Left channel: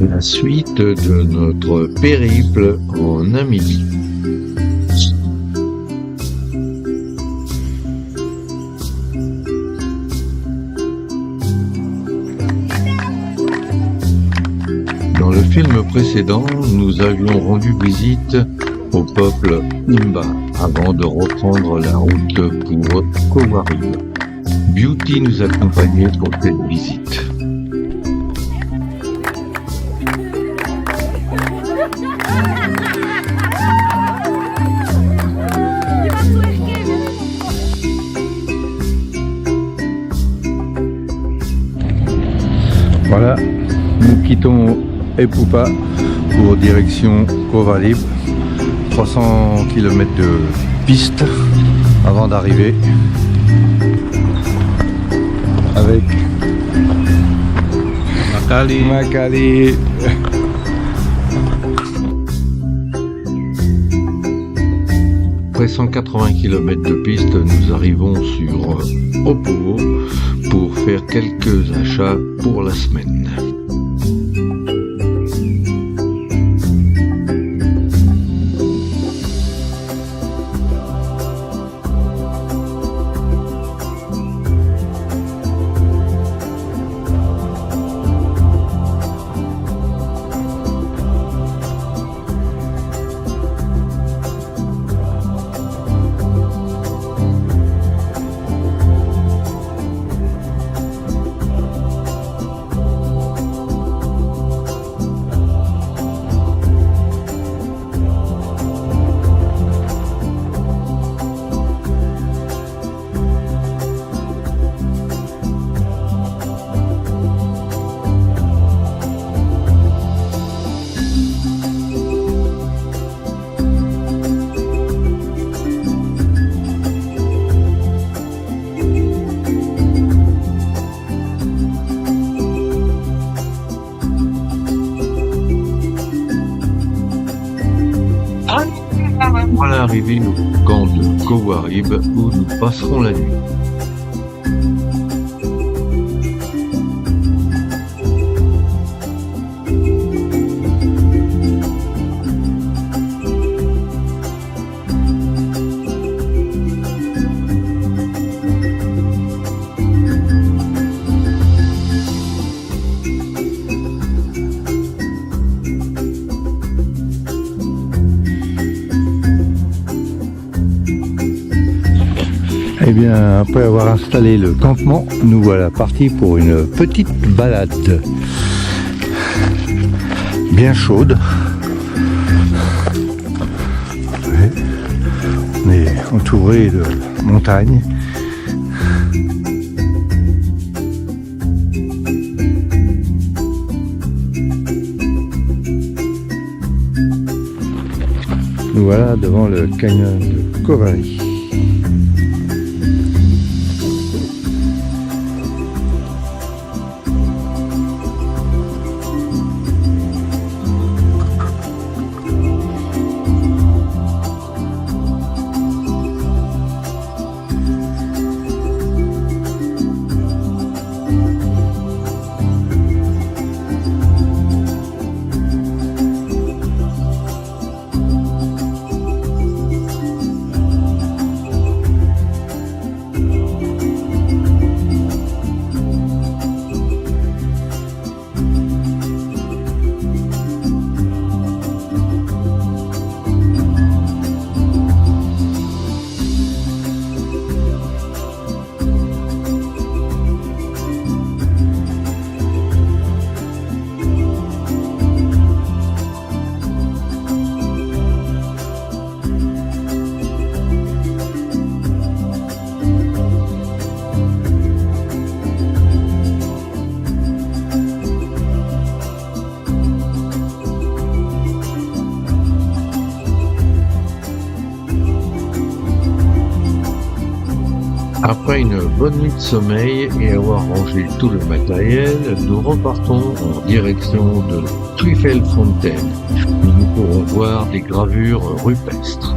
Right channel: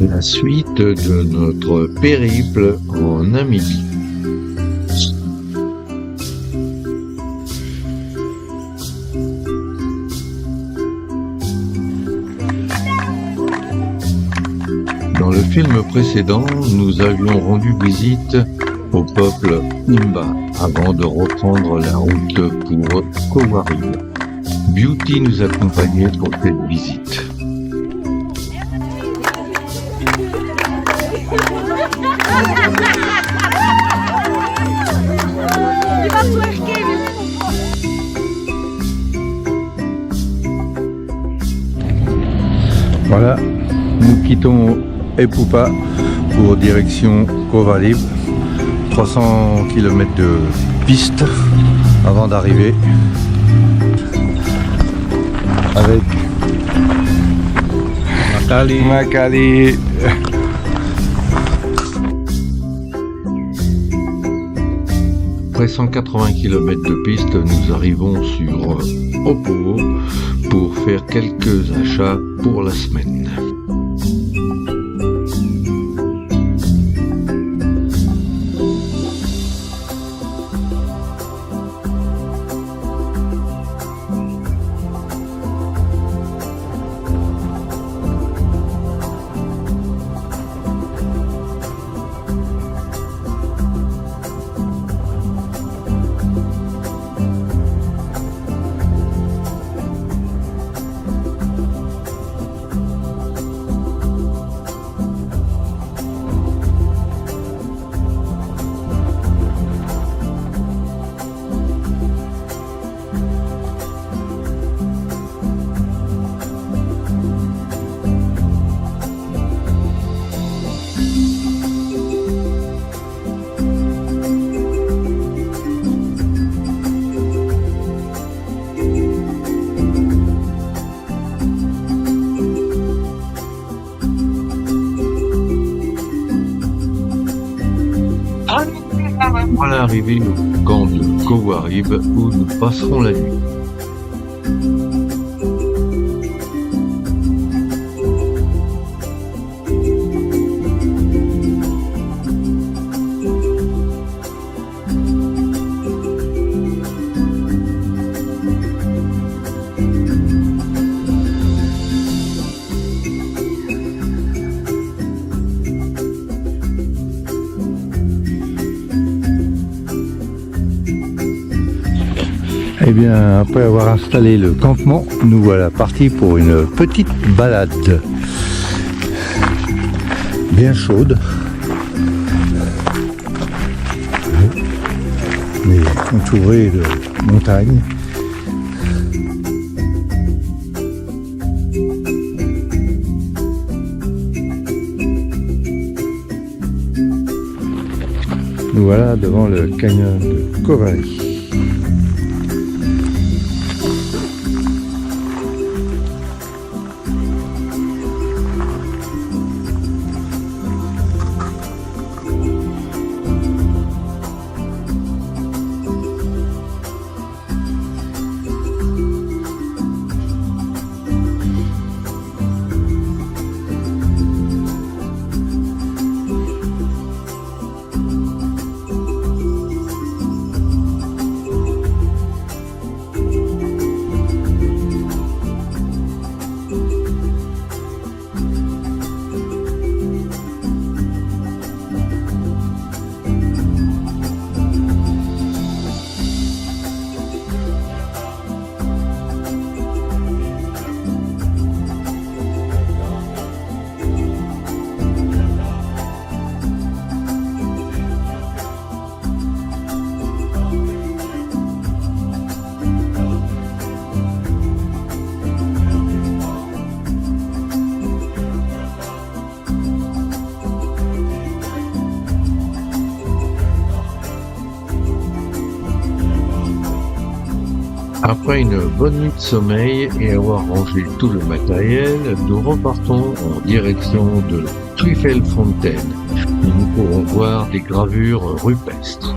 La suite de notre périple en Namibie. Dans le film précédent, nous avions rendu visite au peuple Imba avant de reprendre la route pour Kowarib. Beauty nous accompagnait pour cette visite. Voilà, nous quittons Epupa pour direction Kowarib. 300 km de piste avant d'arriver avec Makali. Après 180 km de piste, nous arrivons sur Opovo pour faire quelques achats pour la semaine. Voilà arrivé au camp de Kowarib où nous passerons la nuit. Eh bien, après avoir installé le campement, nous voilà partis pour une petite balade bien chaude. On est entouré de montagnes. Nous voilà devant le canyon de Kowarib. Après une bonne nuit de sommeil et avoir rangé tout le matériel, nous repartons en direction de Tweefelfontein, où nous pourrons voir des gravures rupestres.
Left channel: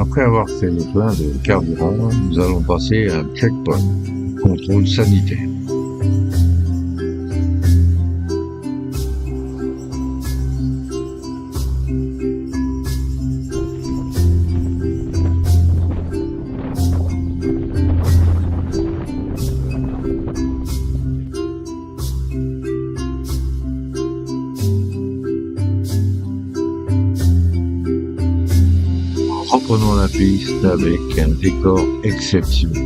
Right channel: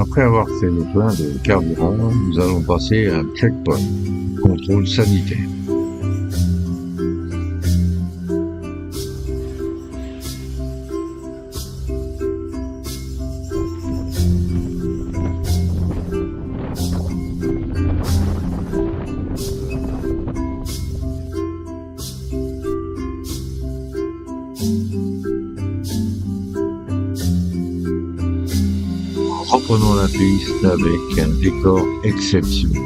Après avoir fait le plein de carburant, nous allons passer à un checkpoint, contrôle sanitaire. Reprenons la piste avec un décor exceptionnel.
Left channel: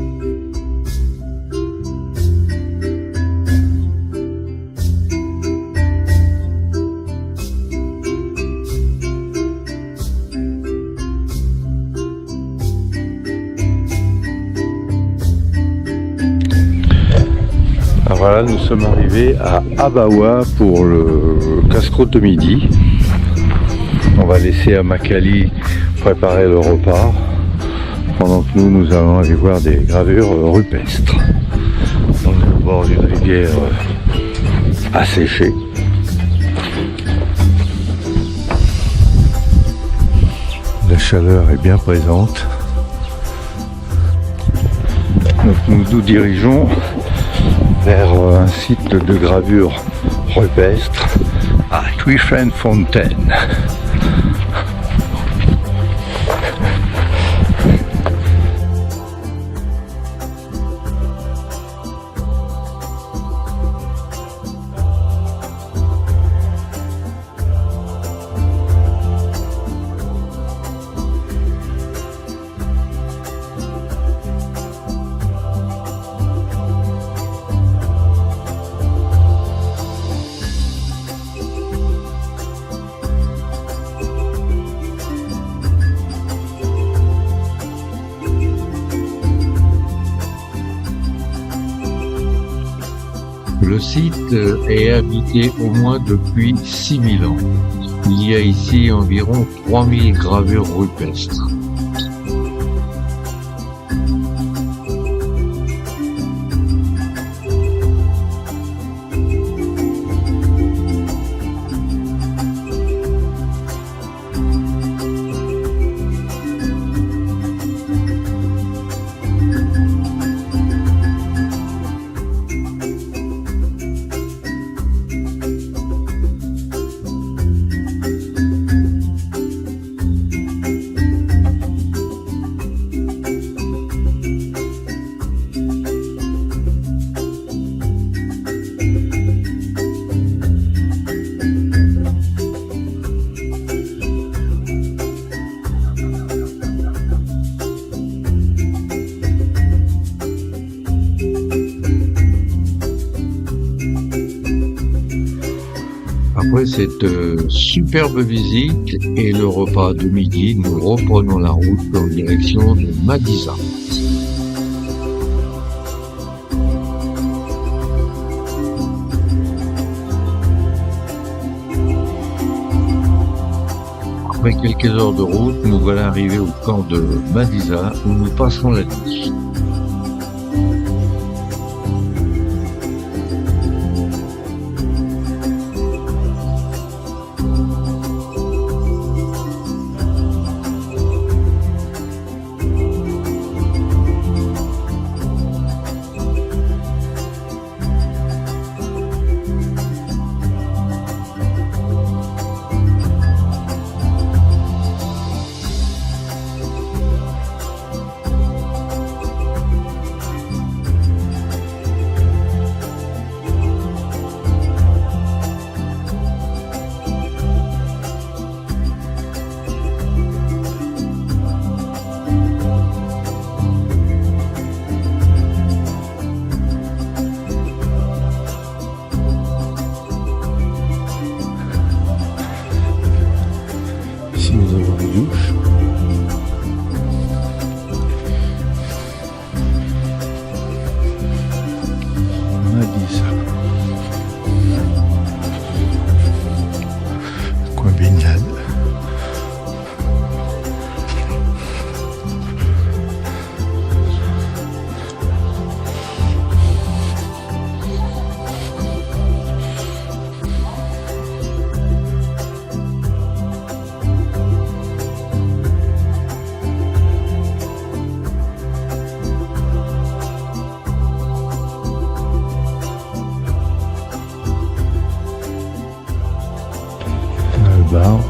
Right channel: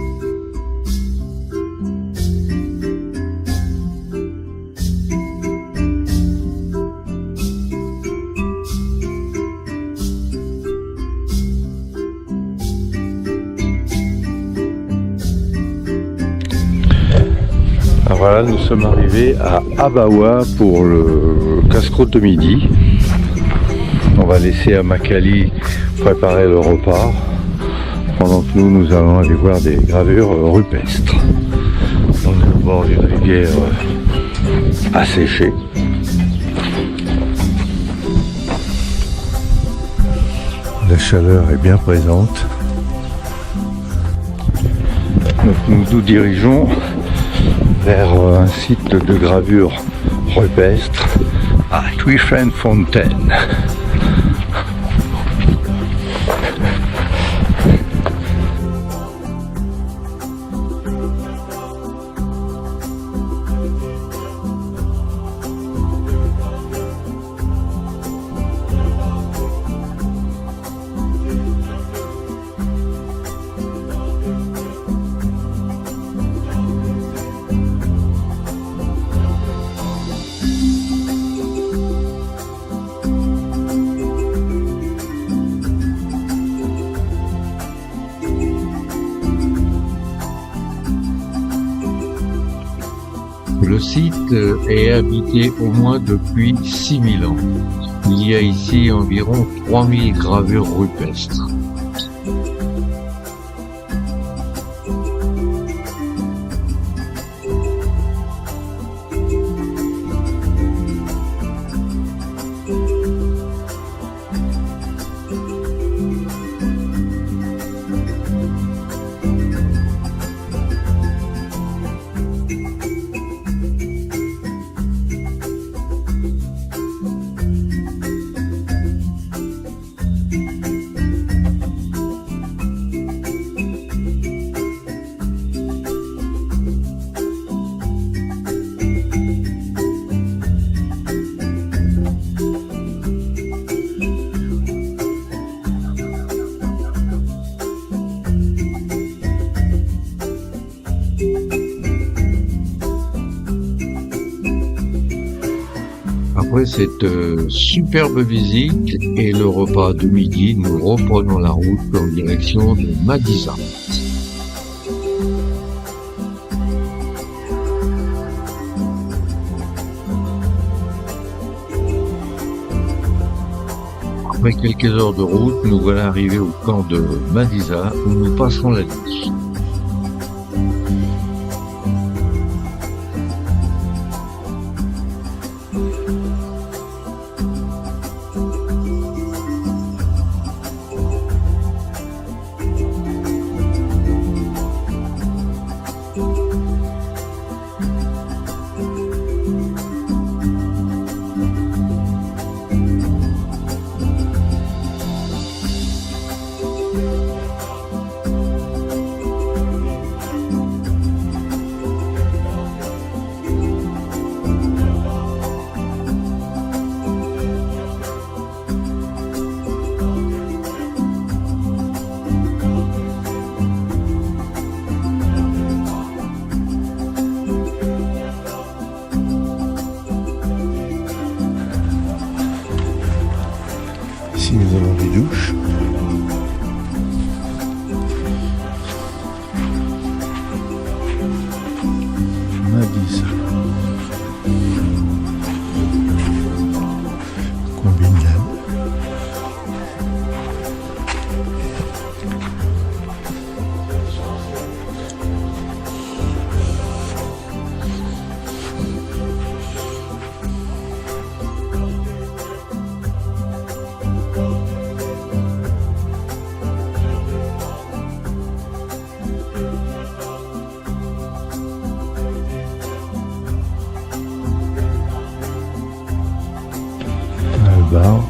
Alors voilà, nous sommes arrivés à Abawa pour le casse-croûte de midi. On va laisser à Makali préparer le repas pendant que nous allons aller voir des gravures rupestres. On est au bord d'une rivière asséchée. La chaleur est bien présente. Donc nous nous dirigeons vers un site de gravure rupestre à Tweefontein. Le site est habité au moins depuis 6000 ans. Il y a ici environ 3000 gravures rupestres. Après cette superbe visite et le repas de midi, nous reprenons la route en direction de Madisa. Après quelques heures de route, nous voilà arrivés au camp de Madisa où nous passerons la nuit. Ici nous avons des douches. Madisa. Coin baignade. barre.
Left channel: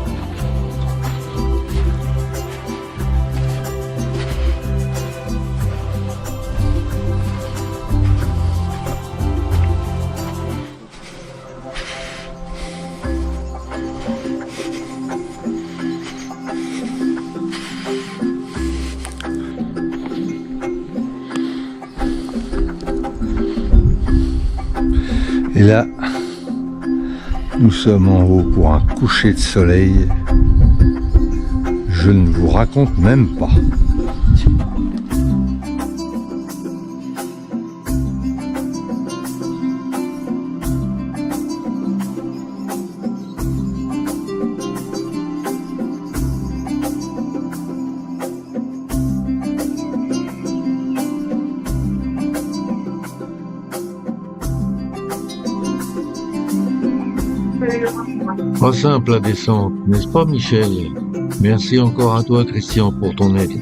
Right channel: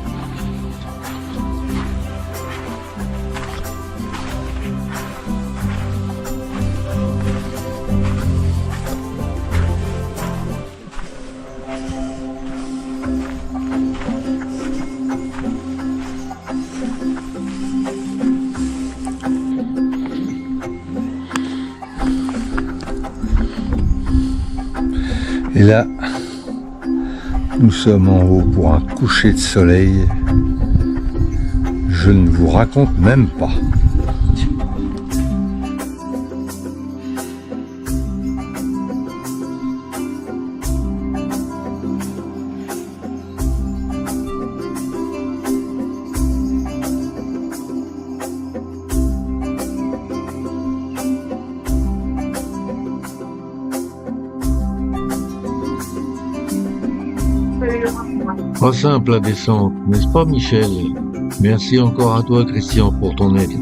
Et là, nous sommes en haut pour un coucher de soleil. Je ne vous raconte même pas. Pas simple la descente, n'est-ce pas Michel? Merci encore à toi Christian pour ton aide.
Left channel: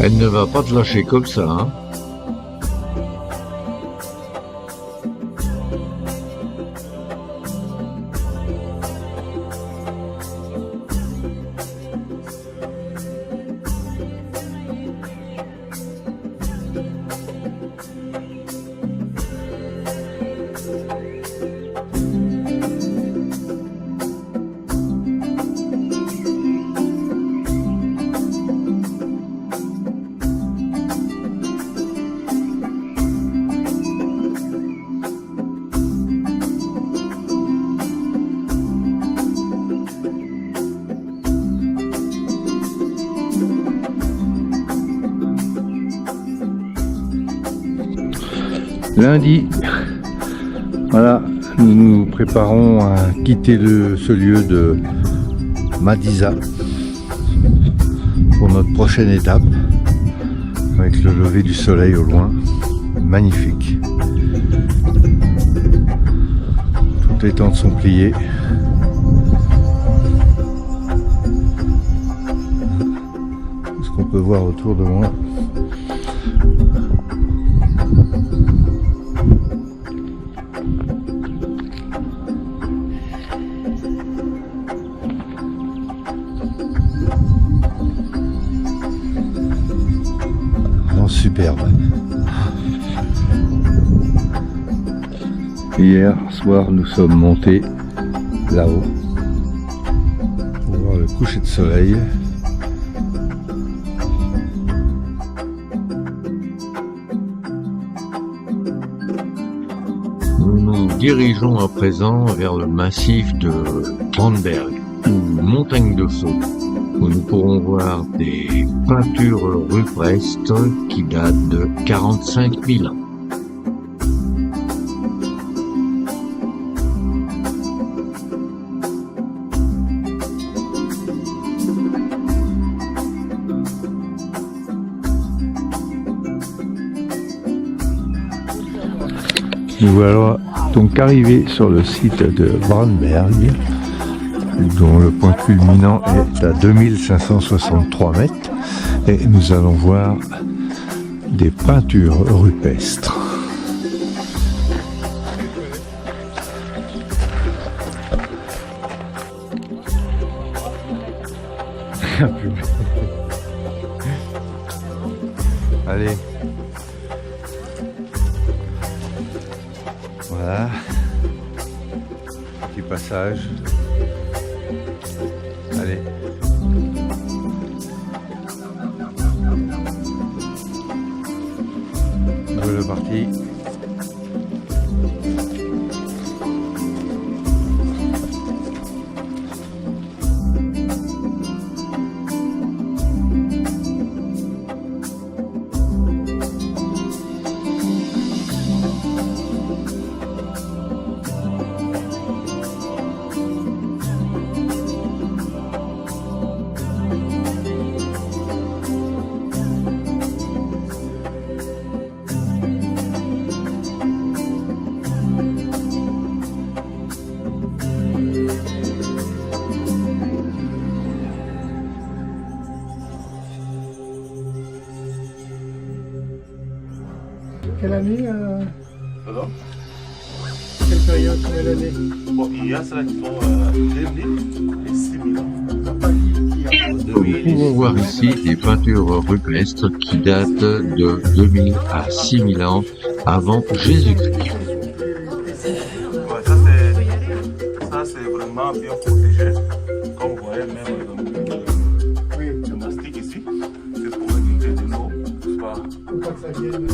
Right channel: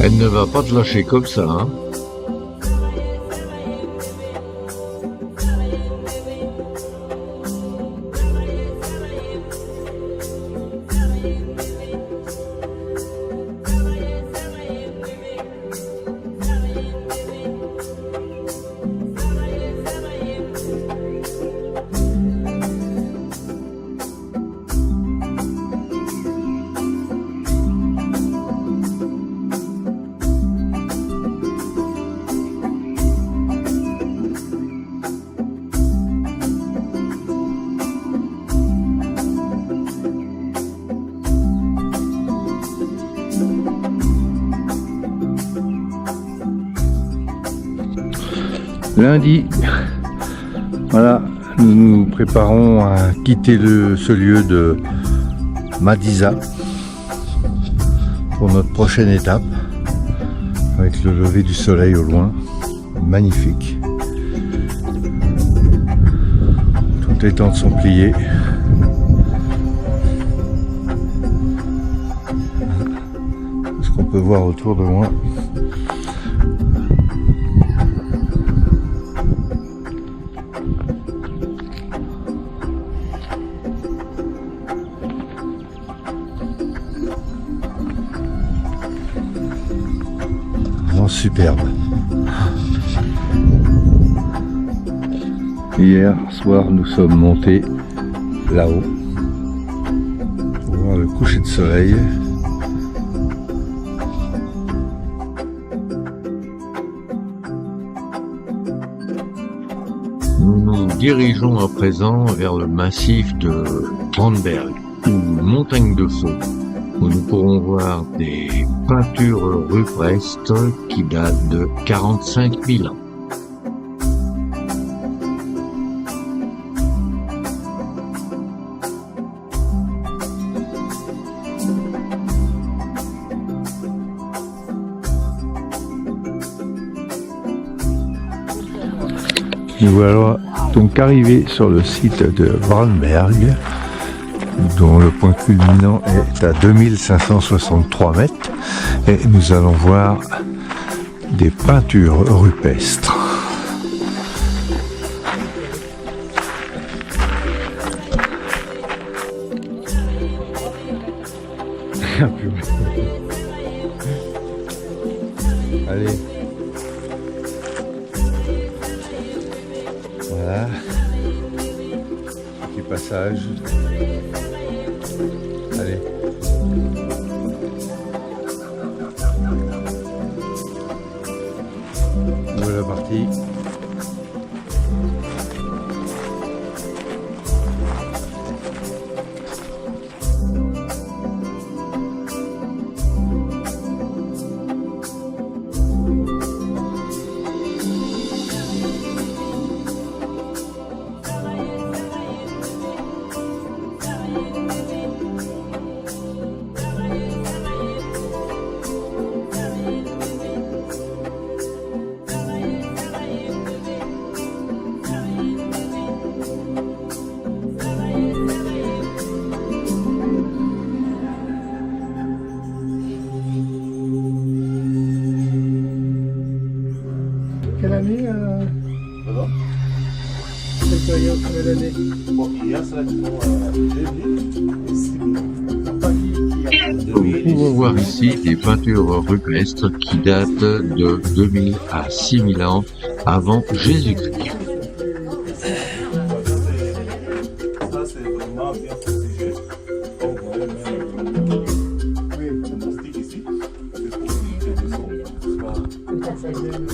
Elle ne va pas te lâcher comme ça, hein? Lundi, voilà, nous nous préparons à quitter ce lieu de Madisa pour notre prochaine étape, avec le lever du soleil au loin, magnifique. Toutes les tentes sont pliées. Tout ce qu'on peut voir autour de moi. Superbe. Hier soir, nous sommes montés là-haut pour voir le coucher de soleil. Nous nous dirigeons à présent vers le massif de Brandberg, ou montagne de feu, où nous pourrons voir des peintures rupestres qui datent de 45 000 ans. Nous voilà donc arrivés sur le site de Brandberg, dont le point culminant est à 2563 mètres, et nous allons voir des peintures rupestres. Allez. Voilà. Petit passage. Allez. Voilà parti. Quelle année Pardon? Quelle période, combien d'années? Bon, il y a ceux qui sont 2000 et 6000 ans. Nous pouvons voir ici des peintures rupestres qui datent de 2000 à 6000 ans avant Jésus-Christ. Ouais, ça c'est vraiment bien protégé. Comme vous voyez, même le mastic ici, c'est pour éviter de l'eau. Faut pas que ça vienne.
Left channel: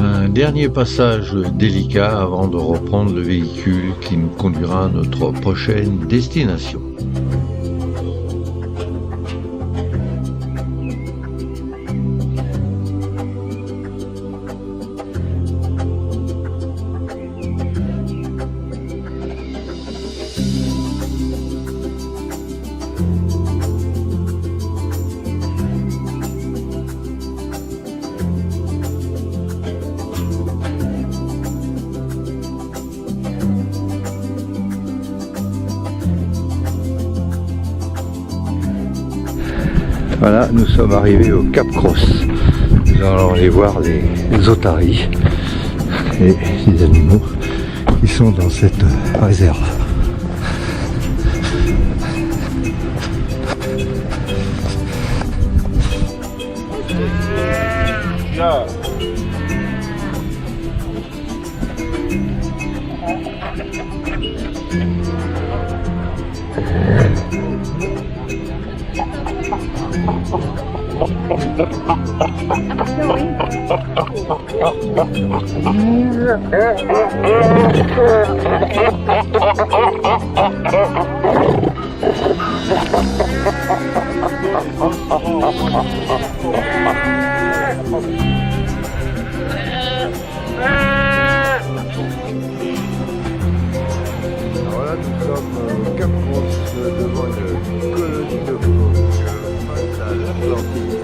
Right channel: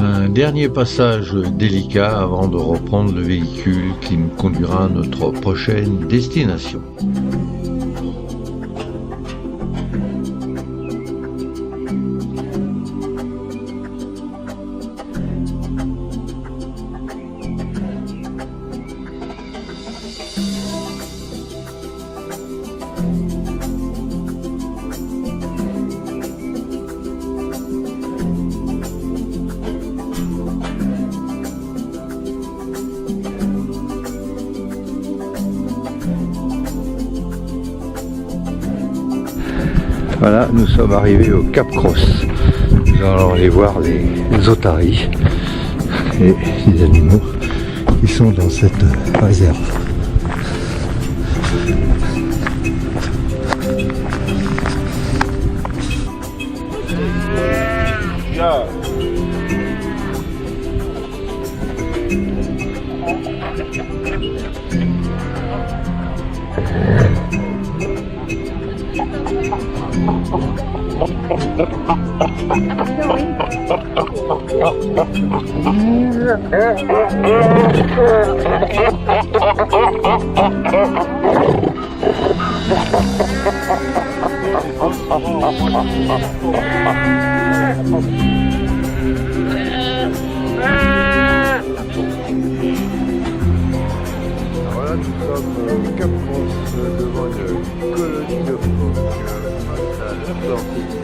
Un dernier passage délicat avant de reprendre le véhicule qui nous conduira à notre prochaine destination. Voilà, nous sommes arrivés au Cap Cross. Nous allons aller voir les otaries et les animaux qui sont dans cette réserve. Yeah. Voilà, nous sommes au Cap Cross devant une colonie de phoques face à l'Atlantique.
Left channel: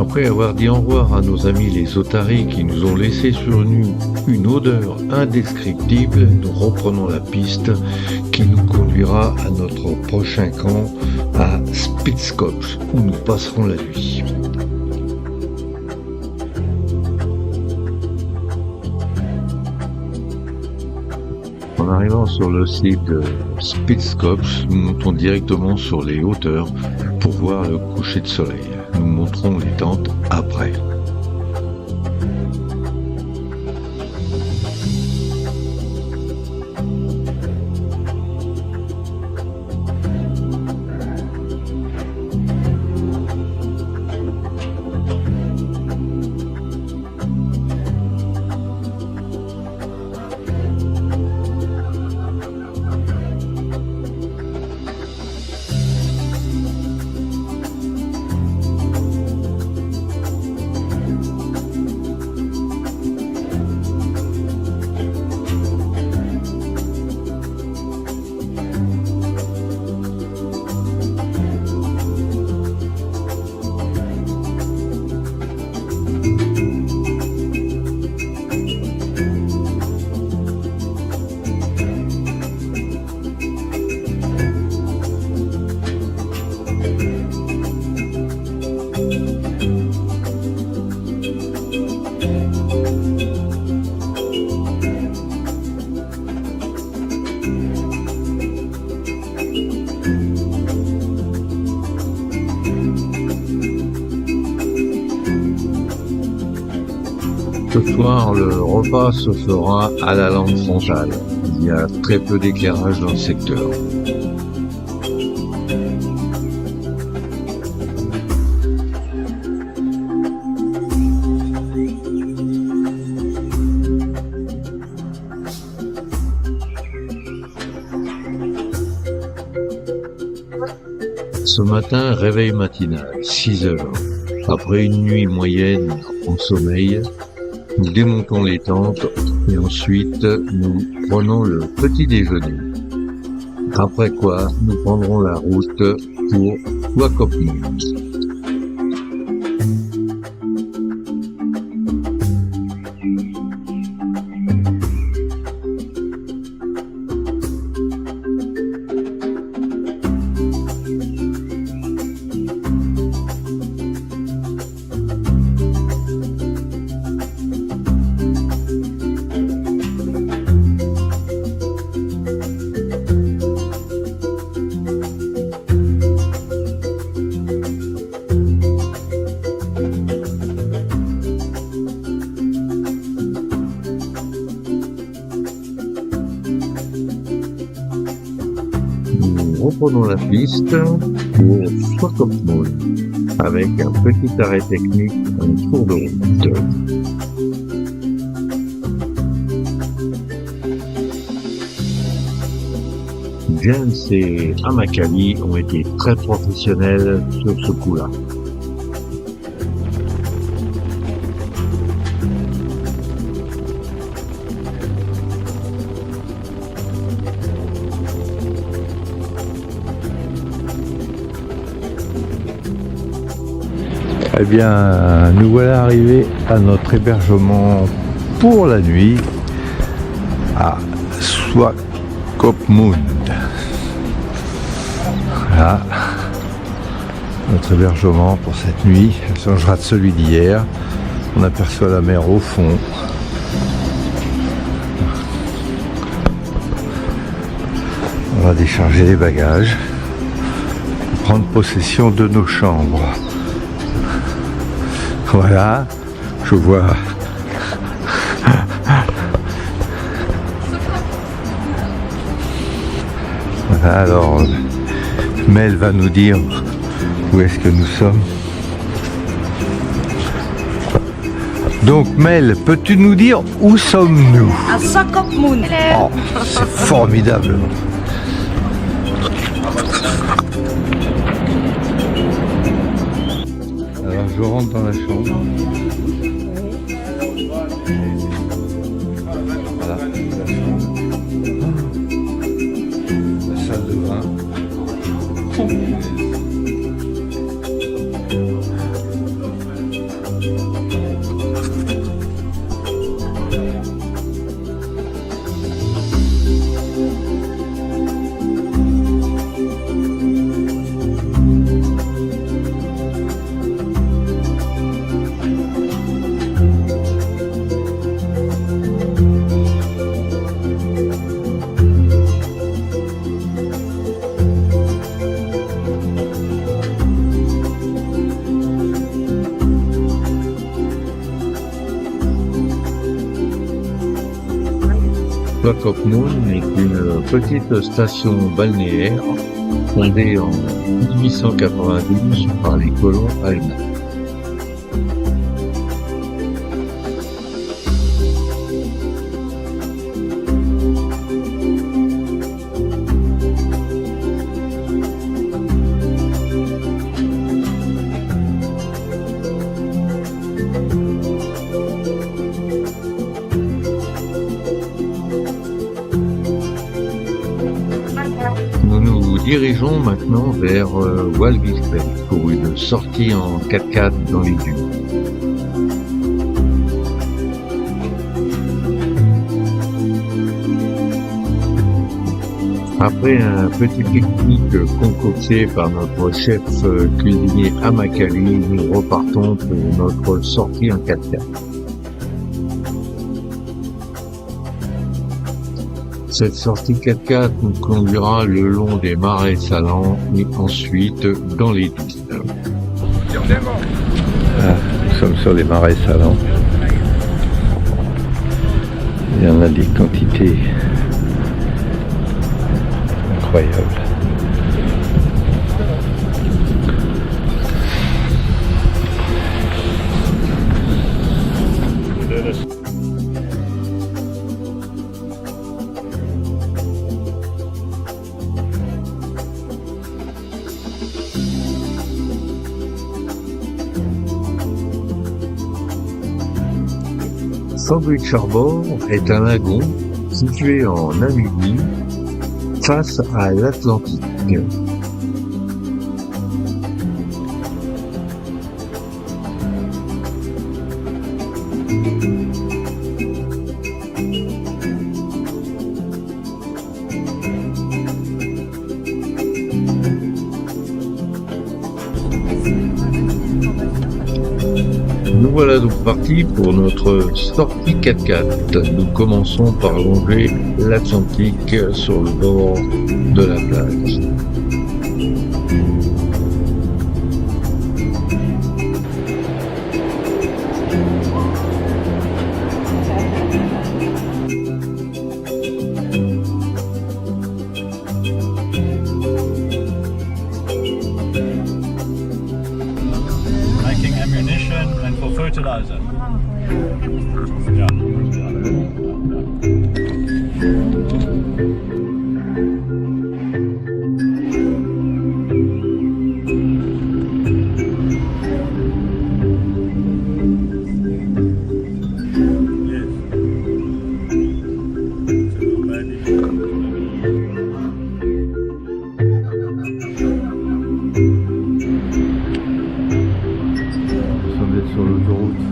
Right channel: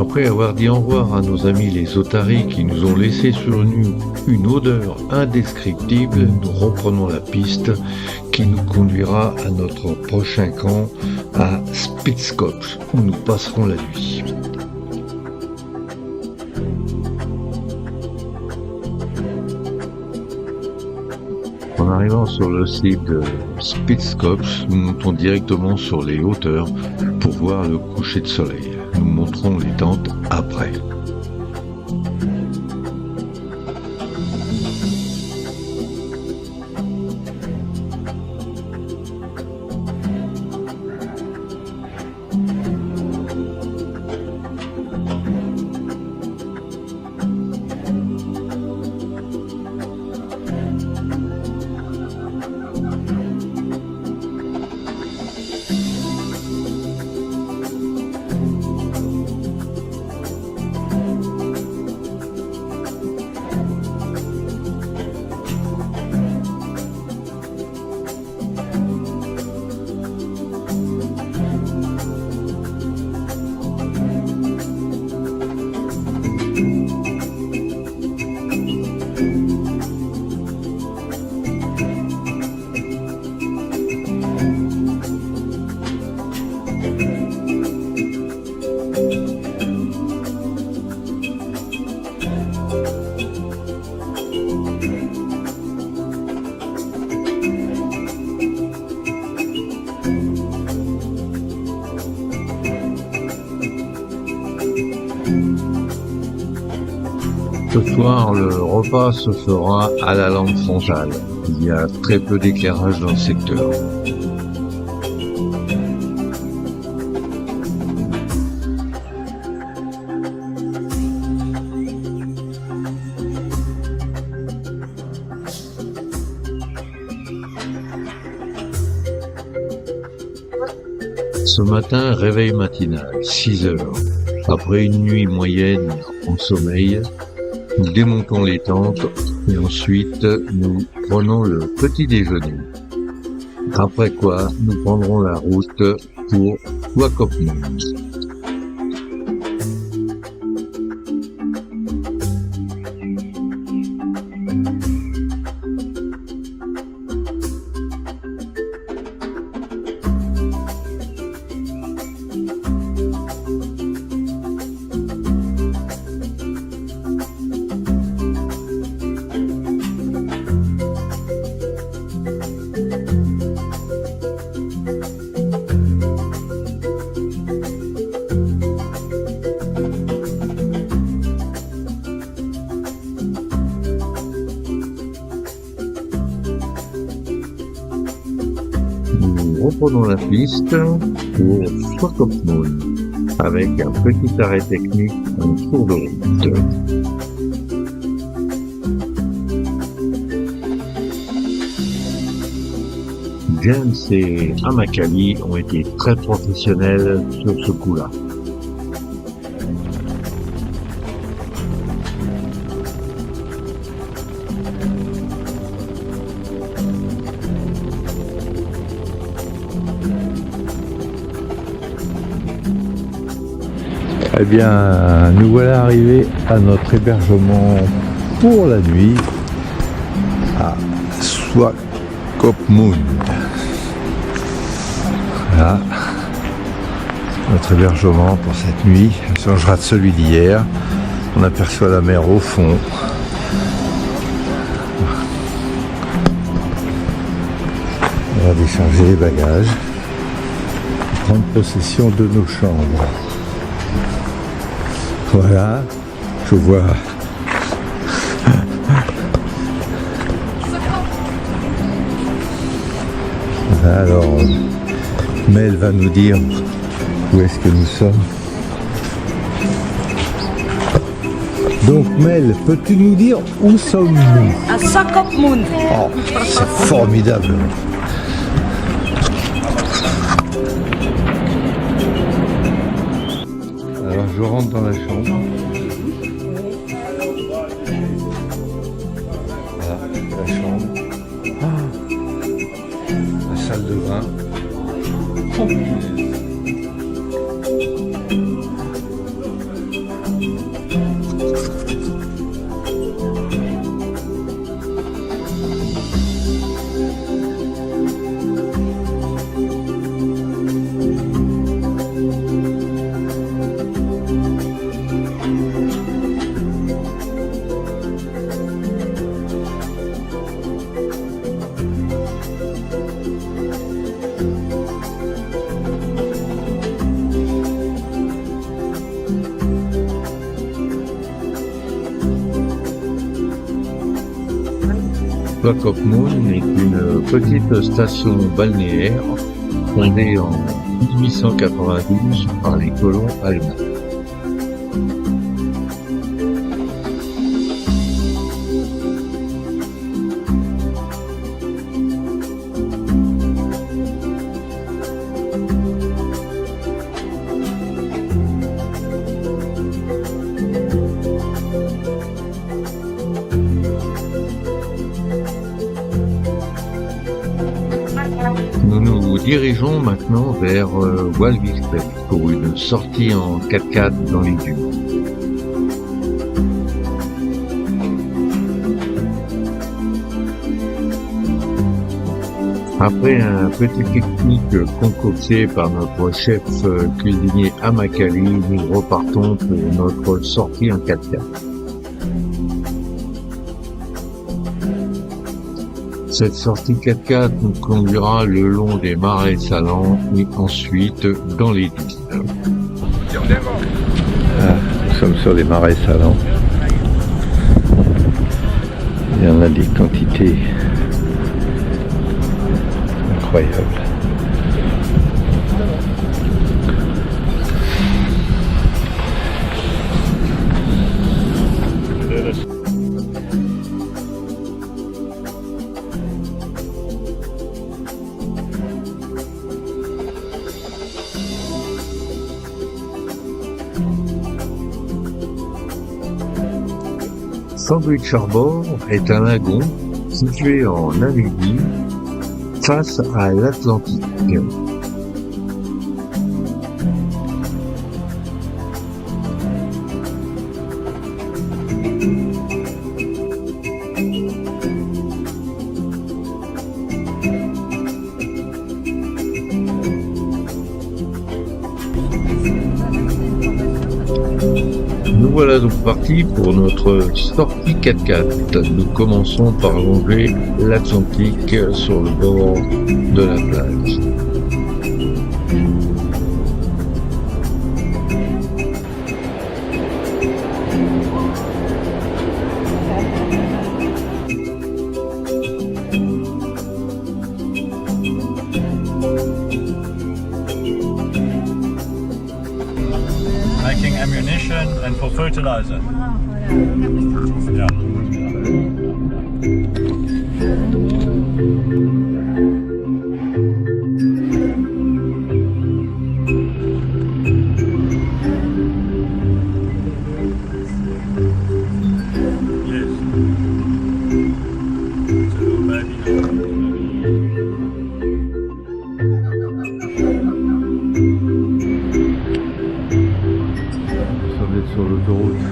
Après avoir dit au revoir à nos amis les otaries qui nous ont laissé sur nous une odeur indescriptible, nous reprenons la piste qui nous conduira à notre prochain camp à Spitzkopf où nous passerons la nuit. En arrivant sur le site de Spitzkopf, nous montons directement sur les hauteurs pour voir le coucher de soleil. Nous montrons les tentes après. Ce soir, le repas se fera à la lampe frontale. Il y a très peu d'éclairage dans le secteur. Ce matin, réveil matinal, 6 heures. Après une nuit moyenne en sommeil, nous démontons les tentes et ensuite nous prenons le petit déjeuner. Après quoi, nous prendrons la route pour Swakopmund. Nous reprenons la piste pour Swakopmund avec un petit arrêt technique en cours de route. James et Amakali ont été très professionnels sur ce coup-là. Eh bien, nous voilà arrivés à notre hébergement pour la nuit à Swakopmund. Voilà, notre hébergement pour cette nuit. Elle changera de celui d'hier. On aperçoit la mer au fond. On va décharger les bagages et prendre possession de nos chambres. Voilà, je vois voilà, alors Mel va nous dire où est-ce que nous sommes. Donc Mel, peux-tu nous dire où sommes-nous? À Swakopmund. Oh, c'est formidable. Alors je rentre dans la chambre. Voilà, la chambre. La salle de bain. Swakopmund est une petite station balnéaire fondée en 1892 par les colons allemands. Nous nous dirigeons maintenant vers Walvisfeld pour une sortie en 4x4 dans les dunes. Après un petit pique-nique concocté par notre chef cuisinier Amakali, nous repartons pour notre sortie en 4x4. Cette sortie 4x4 nous conduira le long des marais salants et ensuite dans les dunes. Ah, nous sommes sur les marais salants. Il y en a des quantités incroyables. Sandwich Harbor est un lagon situé en Namibie face à l'Atlantique. Nous voilà donc partis pour notre sortie 4x4. Nous commençons par longer l'Atlantique sur le bord de la plage. Making ammunition and for fertilizer. Yeah. Yes. It's a little baby. Nous sommes sur l'autoroute.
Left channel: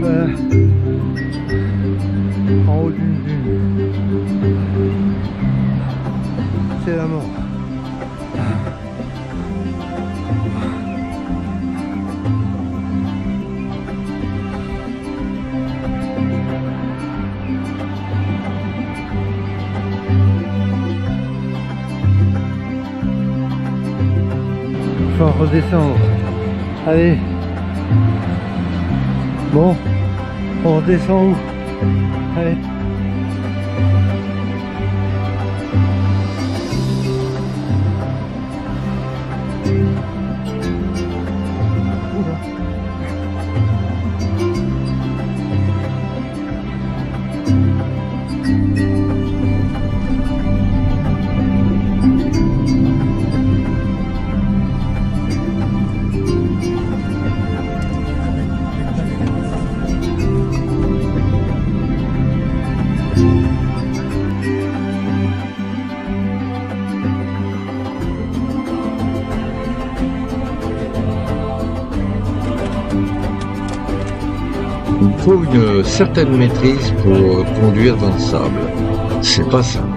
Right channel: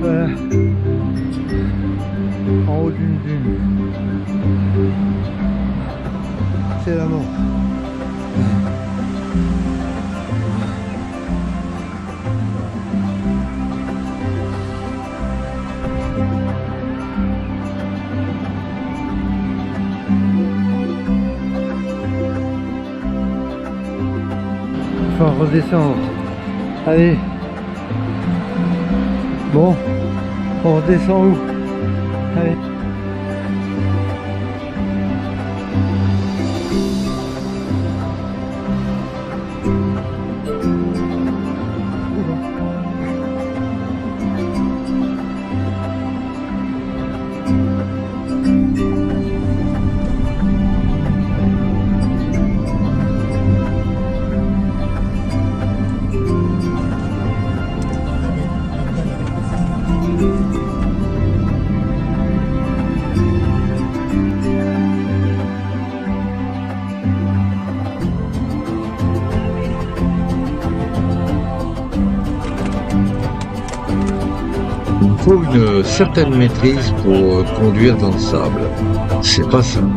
Voilà. En haut d'une dune. C'est la mort. Il faut redescendre. Allez. Bon, on redescend où? Allez. Oula. Il faut une certaine maîtrise pour conduire dans le sable. C'est pas simple.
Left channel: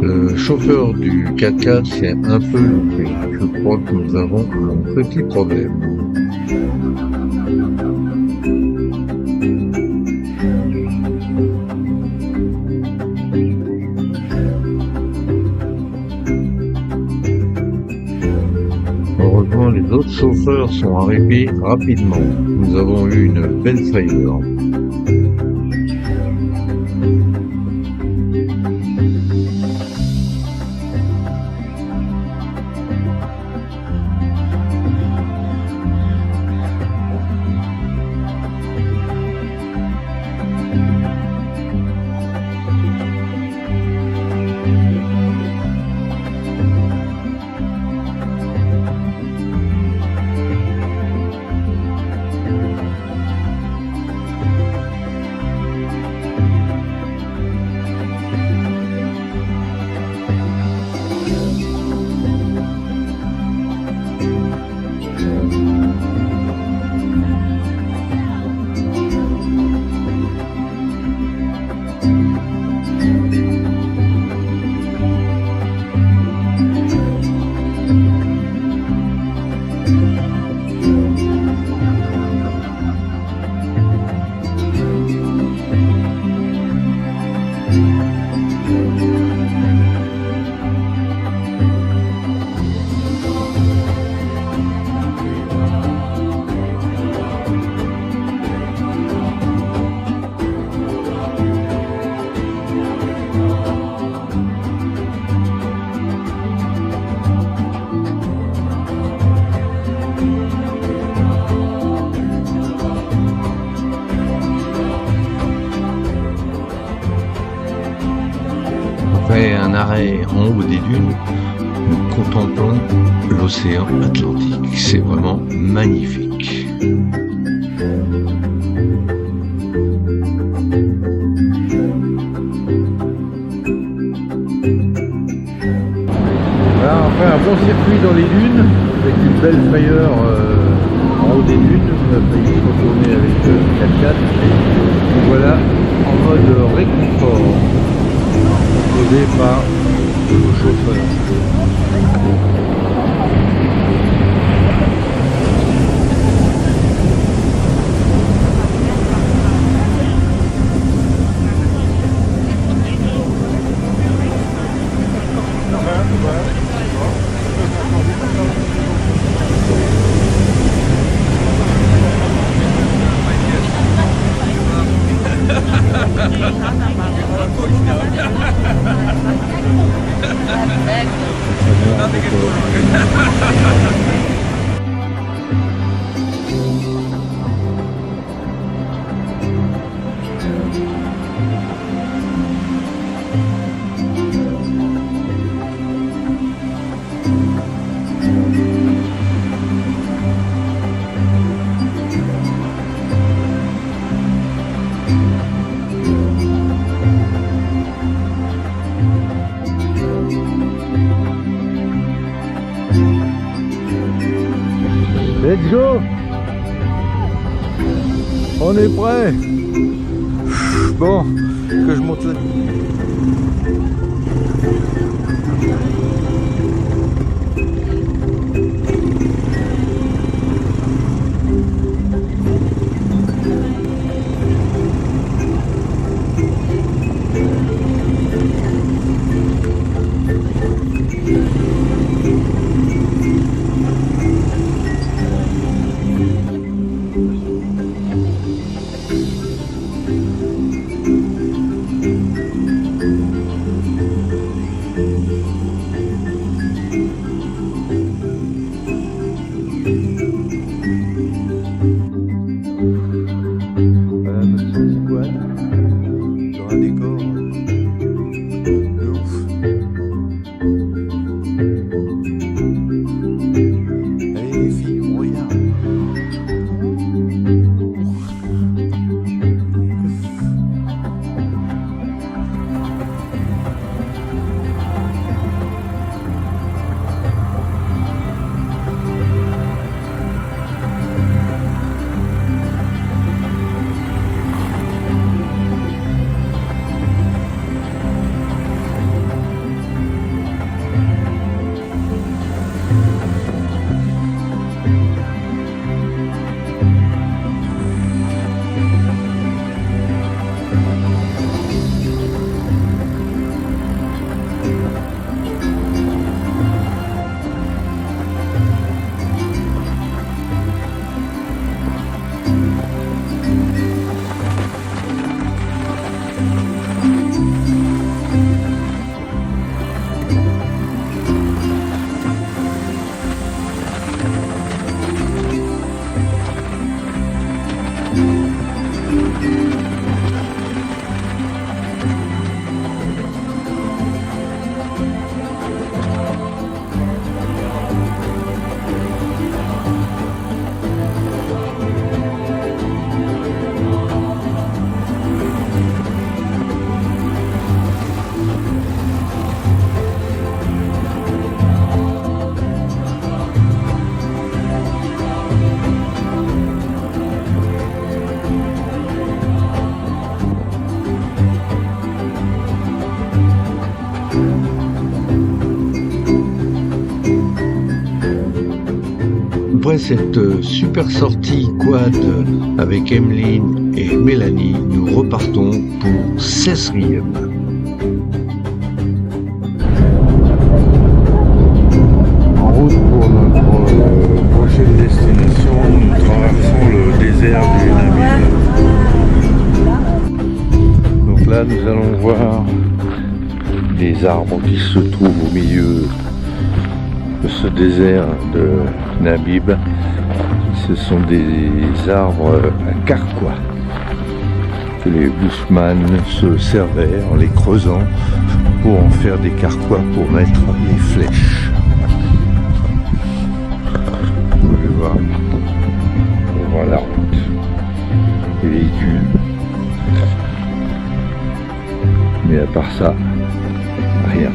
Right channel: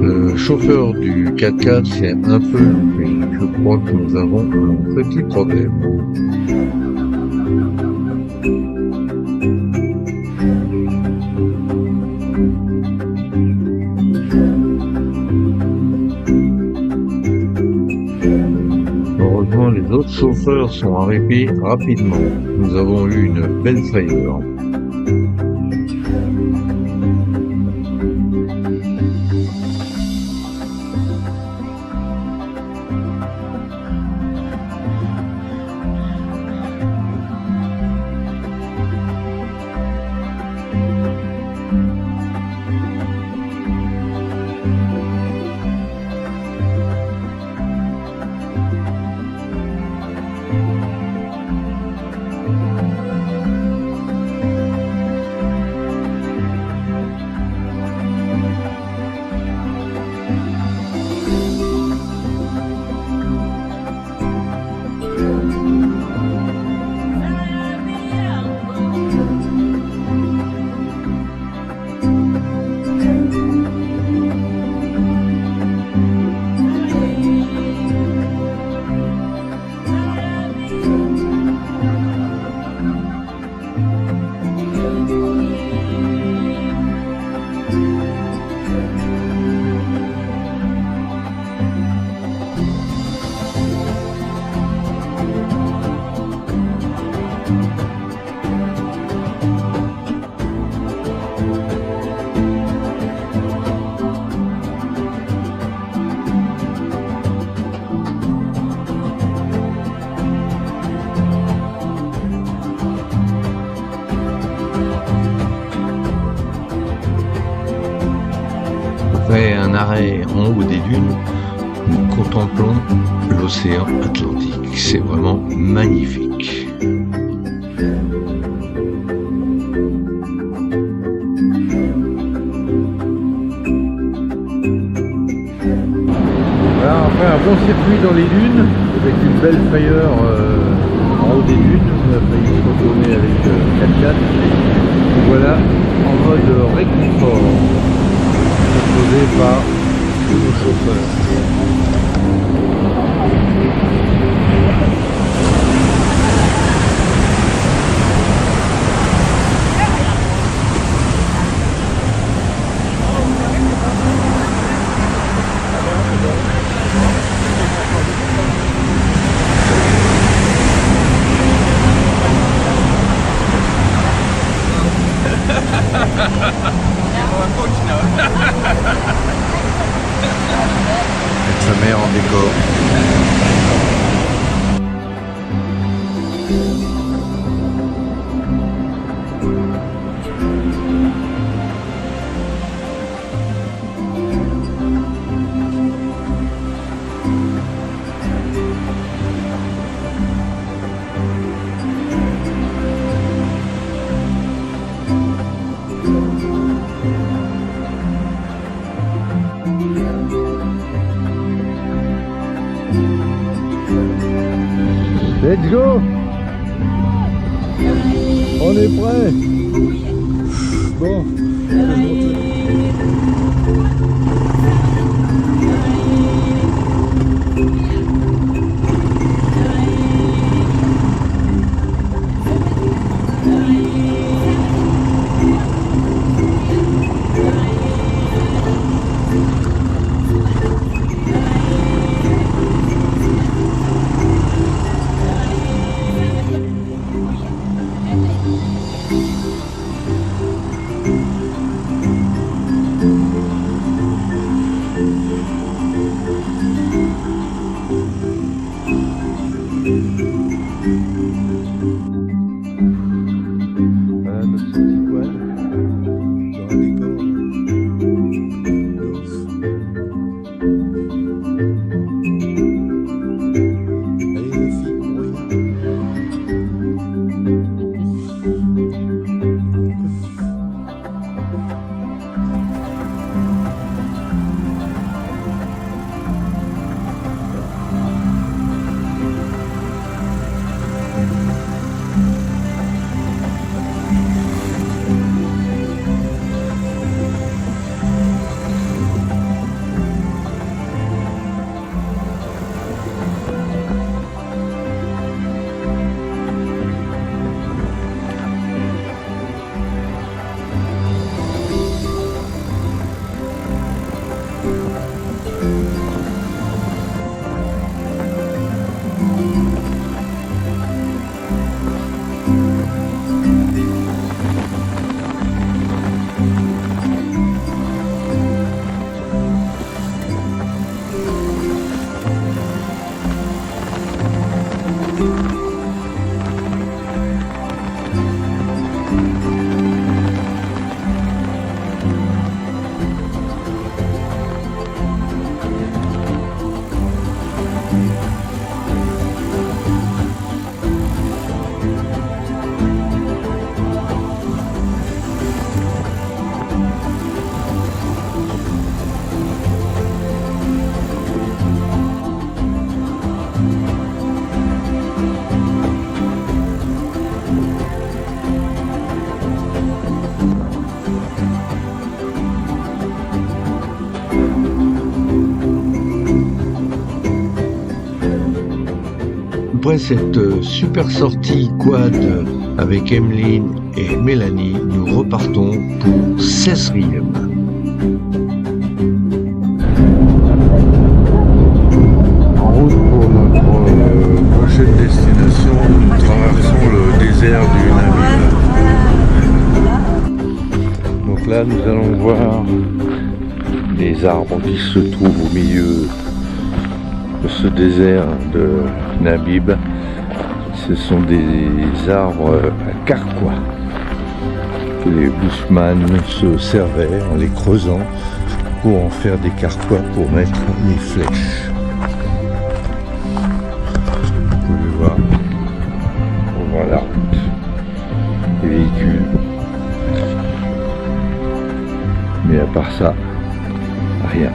Le chauffeur du 4x4 s'est un peu loupé. Je crois que nous avons un petit problème. Heureusement, les autres chauffeurs sont arrivés rapidement. Nous avons eu une belle frayeur. Après un arrêt en haut des dunes, nous contemplons l'océan Atlantique. C'est vraiment magnifique. Voilà, après un bon circuit dans les dunes, avec une belle frayeur en haut des dunes. On a failli se retourner avec 4x4. Voilà, en mode réconfort, proposé par tous nos chauffeurs. Avec sa mère en décor. Let's go! On est prêt! Bon, que je monte là. Après cette super sortie quad avec Emeline et Mélanie, nous repartons pour Cessriem. En route pour notre prochaine destination, nous traversons le désert du Namib. Donc là, nous allons voir des arbres qui se trouvent au milieu de ce désert de Namib. Ce sont des arbres à carquois que les bushman se servaient en les creusant pour en faire des carquois pour mettre les flèches. Vous pouvez voir, on voit la route, les véhicules. Mais à part ça, rien.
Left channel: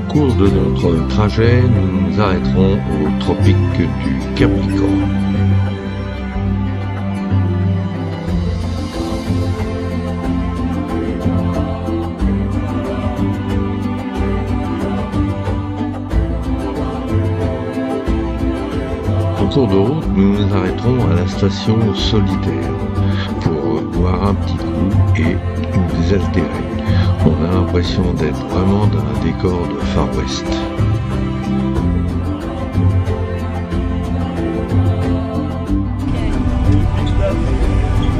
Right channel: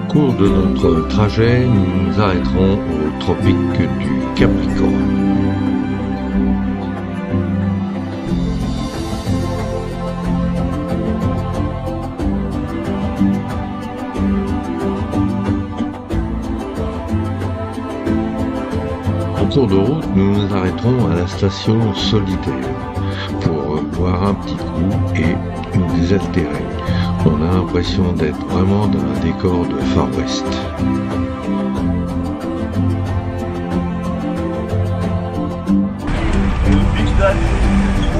Au cours de notre trajet, nous nous arrêterons au tropique du Capricorne. En cours de route, nous nous arrêterons à la station Solitaire pour boire un petit coup et nous désaltérer. On a l'impression d'être vraiment dans un décor de Far West. Le Big Daddy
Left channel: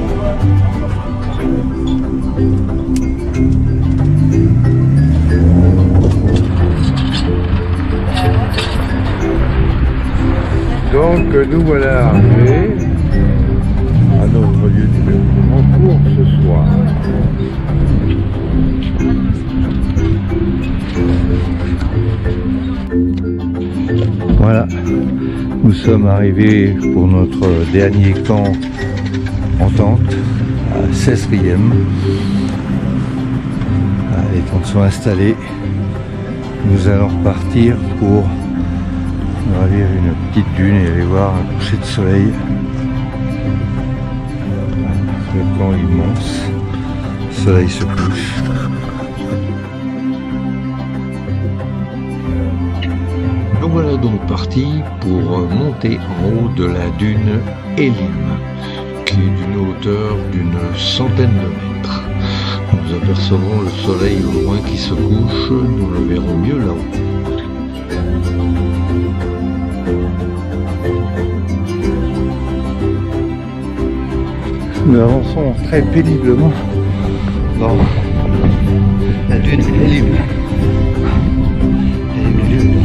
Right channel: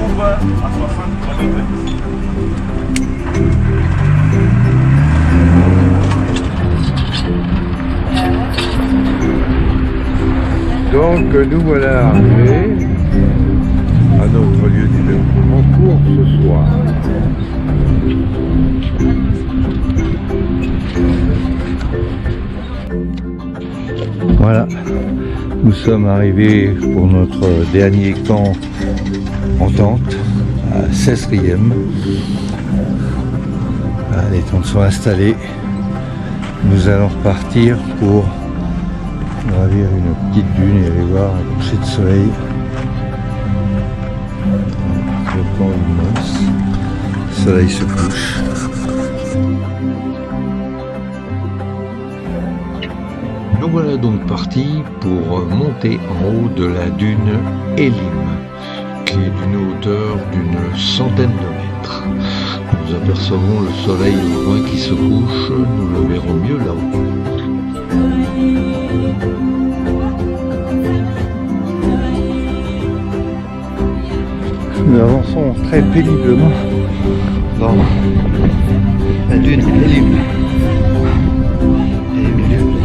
ouvre à 63 degrés. Donc nous voilà arrivés à notre lieu d'hébergement pour ce soir. Voilà, nous sommes arrivés pour notre dernier camp en tente à Cessriem. Les tentes sont installées. Nous allons repartir pour gravir une petite dune et aller voir un coucher de soleil. Le camp immense, le soleil se couche. Nous voilà donc partis pour monter en haut de la dune Elim, qui est d'une hauteur d'une centaine de mètres. Nous apercevons le soleil au loin qui se couche, nous le verrons mieux là-haut. Nous avançons très péniblement dans la dune Elim. Dune.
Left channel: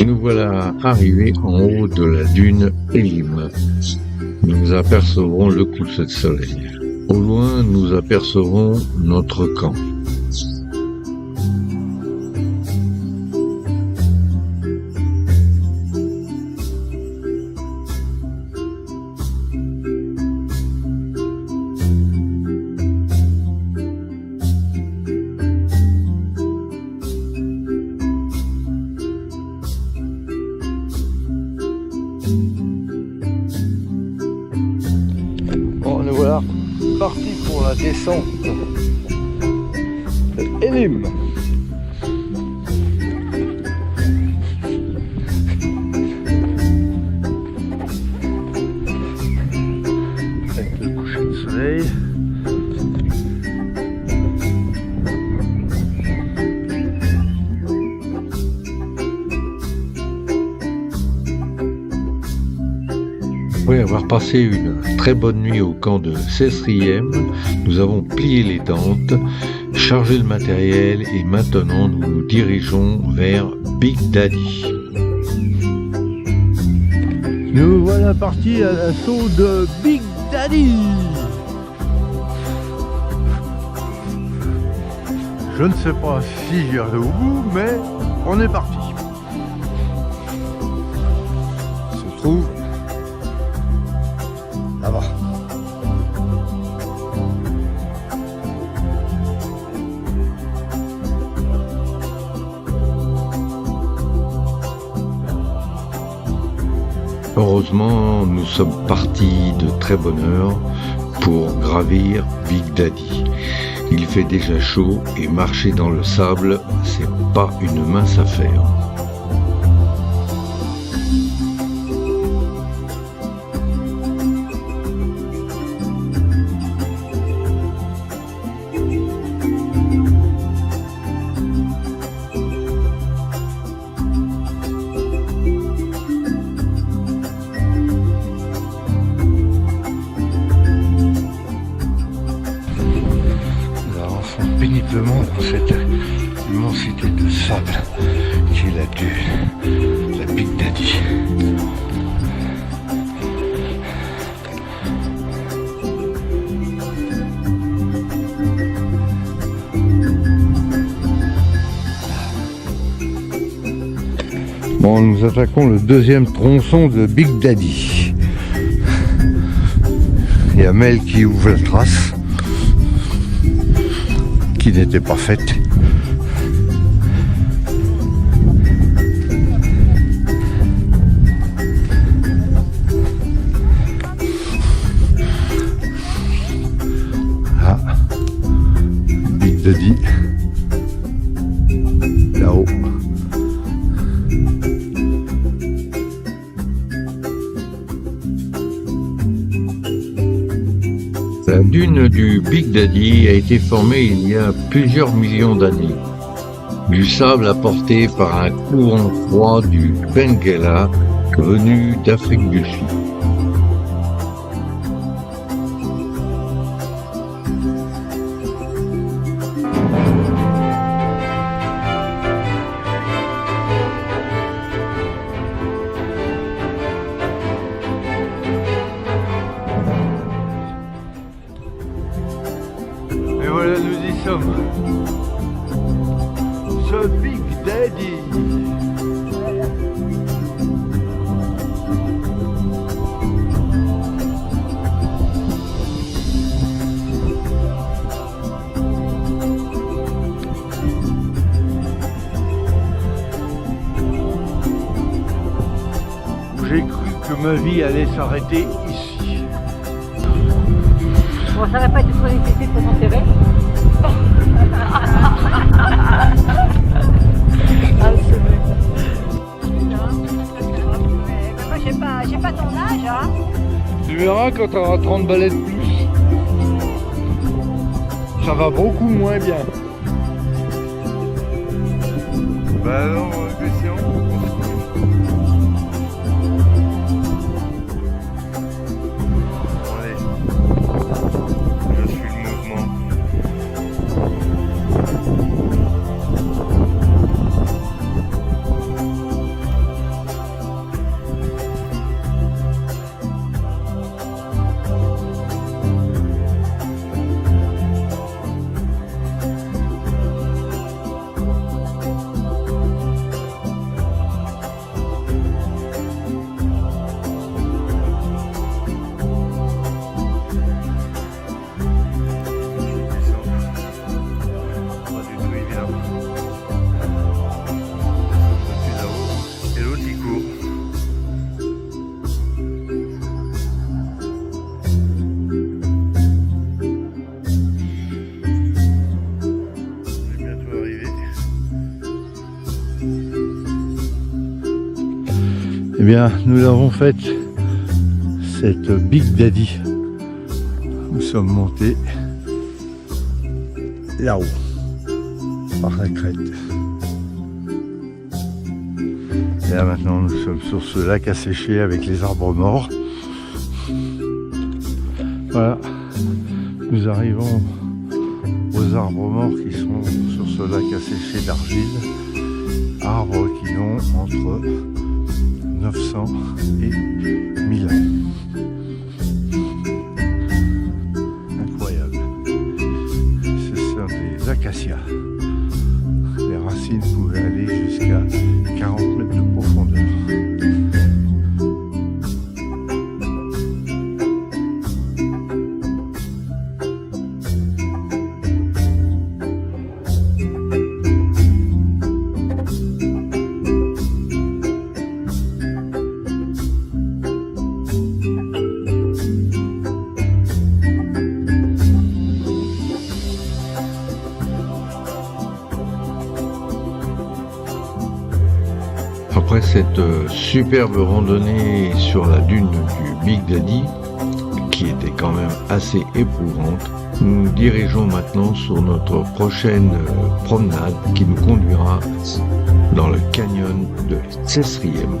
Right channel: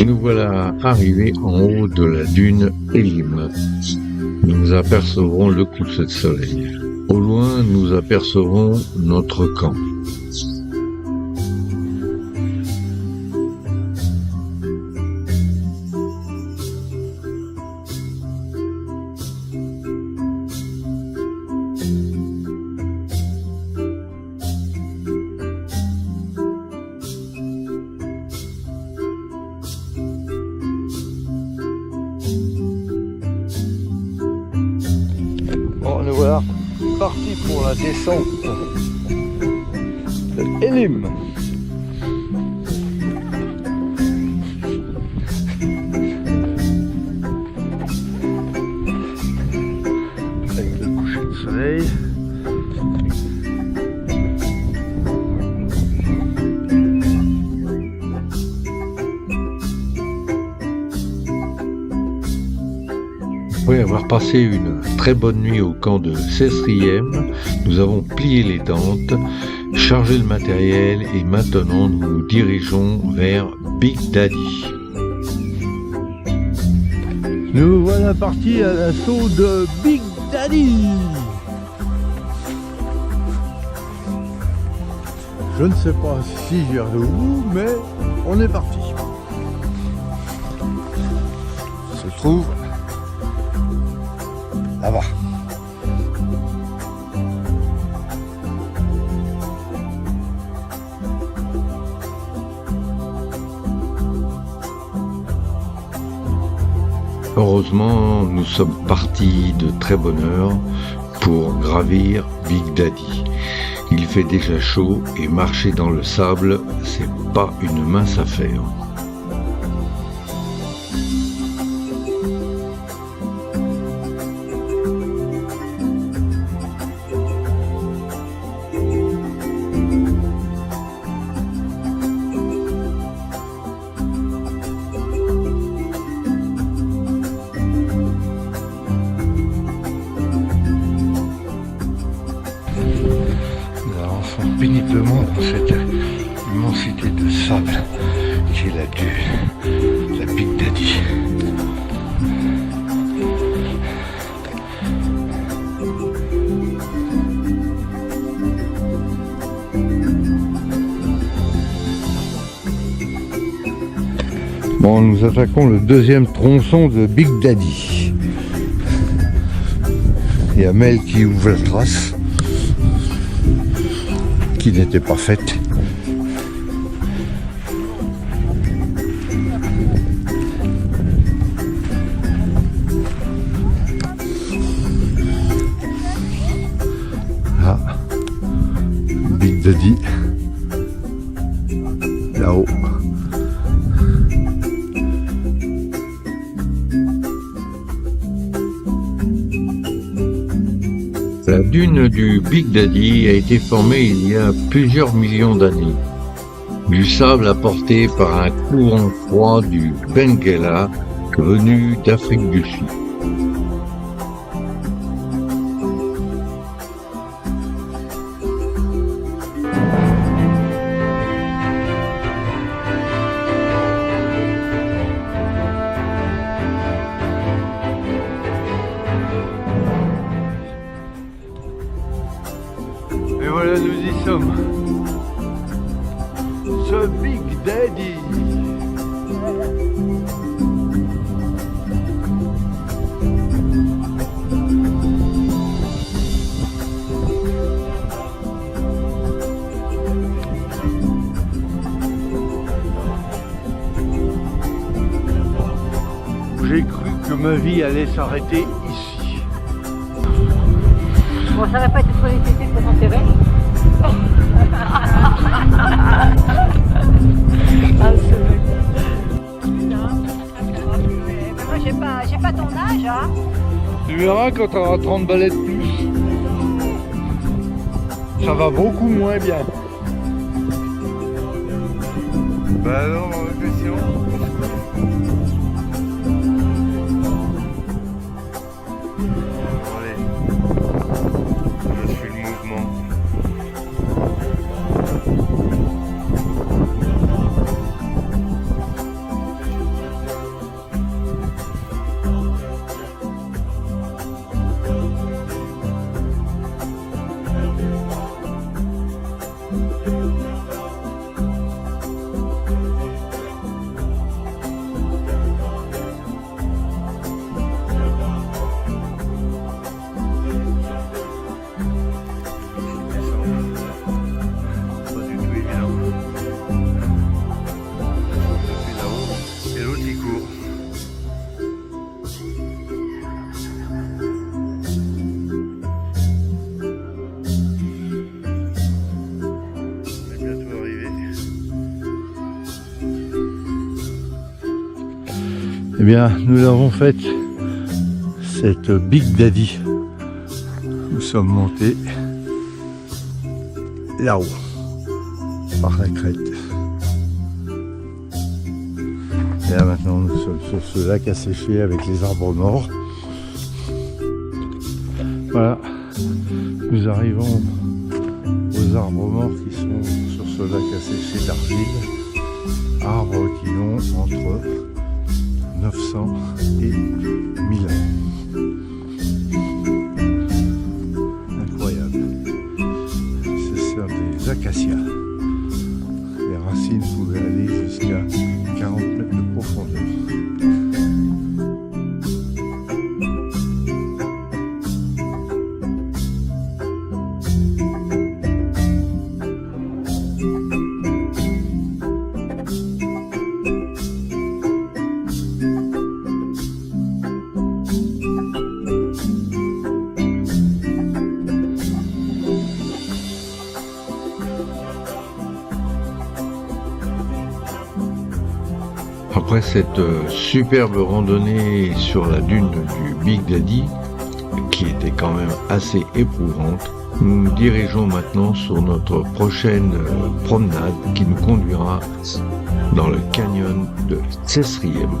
Et nous voilà arrivés en haut de la dune Elim. Nous apercevrons le coucher de soleil. Au loin, nous apercevrons notre camp. Bon, nous voilà partis pour la descente de Elim. Avec le coucher de soleil. Après avoir passé une très bonne nuit au camp de Cessriem, nous avons plié les tentes, chargé le matériel et maintenant nous nous dirigeons vers Big Daddy. Nous voilà partis à l'assaut de Big Daddy. Je ne sais pas si j'y arrive au bout, mais on est parti. Se trouve là-bas. Heureusement, nous sommes partis de très bonne heure pour gravir Big Daddy. Il fait déjà chaud et marcher dans le sable, c'est pas une mince affaire. Nous avançons péniblement dans cette immensité de sable qui est la dune, la Big Daddy. Bon, nous attaquons le deuxième tronçon de Big Daddy. Il y a Mel qui ouvre la trace, qui n'était pas faite. Ah, Big Daddy, là-haut. La dune du Big Daddy a été formée il y a plusieurs millions d'années. Du sable apporté par un courant froid du Benguela venu d'Afrique du Sud. Et voilà, nous y sommes. Ce Big Daddy. J'ai cru que ma vie allait s'arrêter ici. Bon, ça va pas être trop nécessaire pour t'enterrer. Ah, c'est vrai. Moi, j'ai pas ton âge, hein. Tu verras quand tu auras 30 balais de plus. Ça va beaucoup moins bien. Bah alors, Christian, on se couche. Allez, je suis le mouvement. Eh bien, nous l'avons faite, cette Big Daddy. Nous sommes montés là-haut, par la crête. Et là maintenant, nous sommes sur ce lac asséché avec les arbres morts. Voilà, nous arrivons aux arbres morts qui sont sur ce lac asséché d'argile. Arbres qui ont entre 900 et Milan. Incroyable. Ce sont des acacias. Les racines pouvaient aller jusqu'à 40 mètres de profondeur. Après cette superbe randonnée sur la dune du Big Daddy, qui était quand même assez éprouvante, nous nous dirigeons maintenant sur notre prochaine promenade qui nous conduira dans le canyon de Cesriem.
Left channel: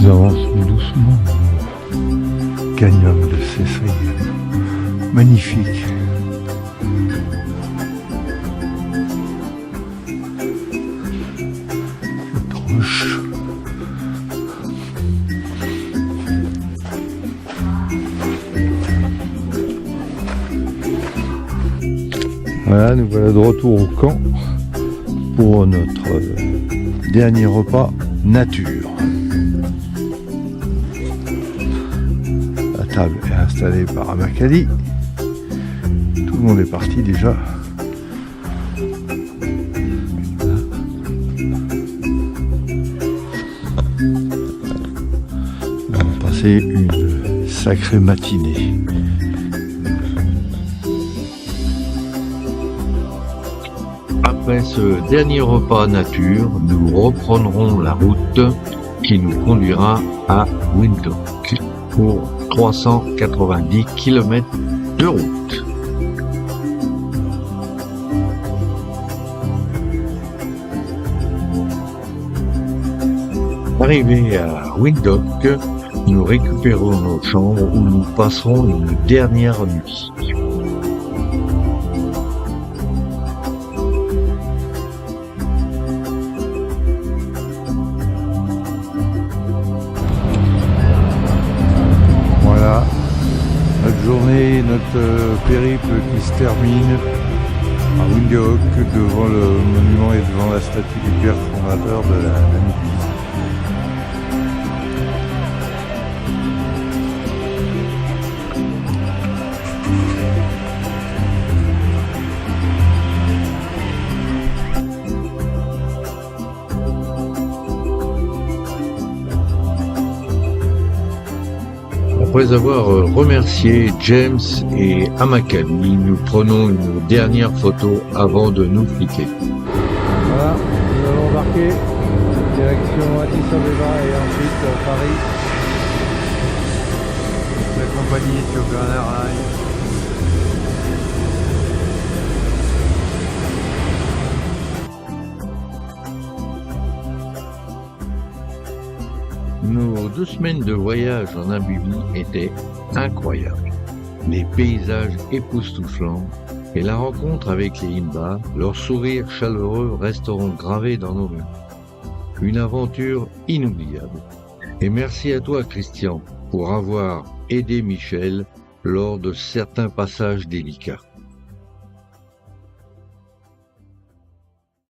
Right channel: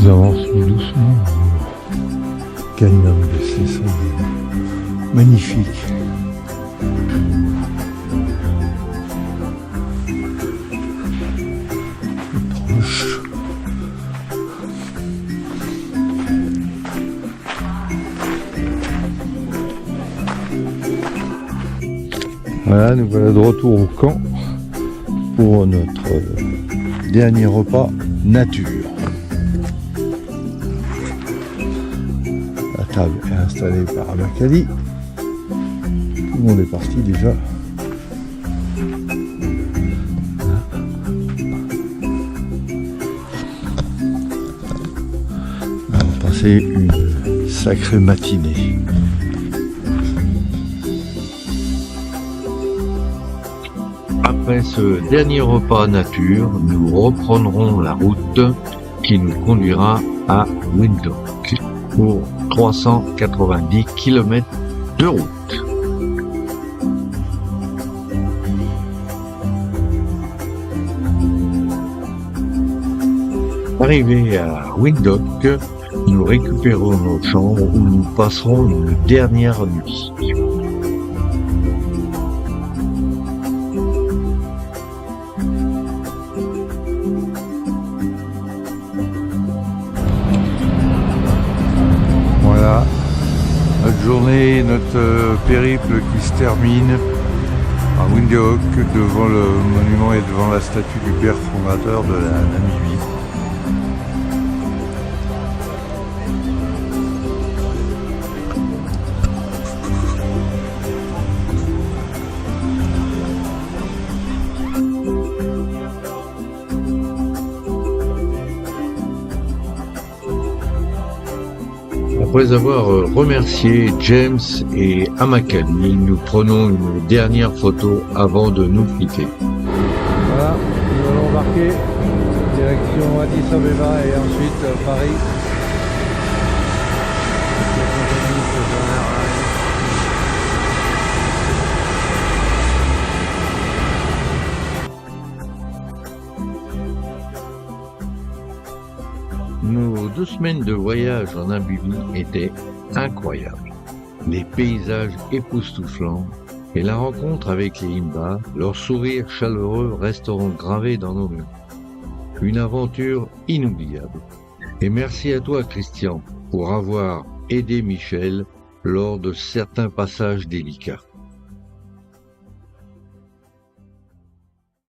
Nous avançons doucement dans le canyon de Cesriem. Magnifique. Une roche. Voilà, nous voilà de retour au camp pour notre dernier repas nature. La table est installée par Amakali. Tout le monde est parti déjà. Voilà. Nous avons passé une sacrée matinée. Après ce dernier repas nature, nous reprendrons la route qui nous conduira à Windhoek pour 390 km de route. Arrivés à Windhoek, nous récupérons nos chambres où nous passerons une dernière nuit. Voilà, notre journée, notre périple qui se termine à Windhoek devant le monument et devant la statue du père fondateur de la Namibie. Après avoir remercié James et Amakali, nous prenons une dernière photo avant de nous quitter. Voilà, nous allons embarquer direction Addis Abeba et ensuite Paris. Avec la compagnie Ethiopian Airlines. Nos 2 semaines de voyage en Namibie étaient incroyables. Les paysages époustouflants et la rencontre avec les Himba, leurs sourires chaleureux resteront gravés dans nos mémoires. Une aventure inoubliable. Et merci à toi, Christian, pour avoir aidé Michel lors de certains passages délicats.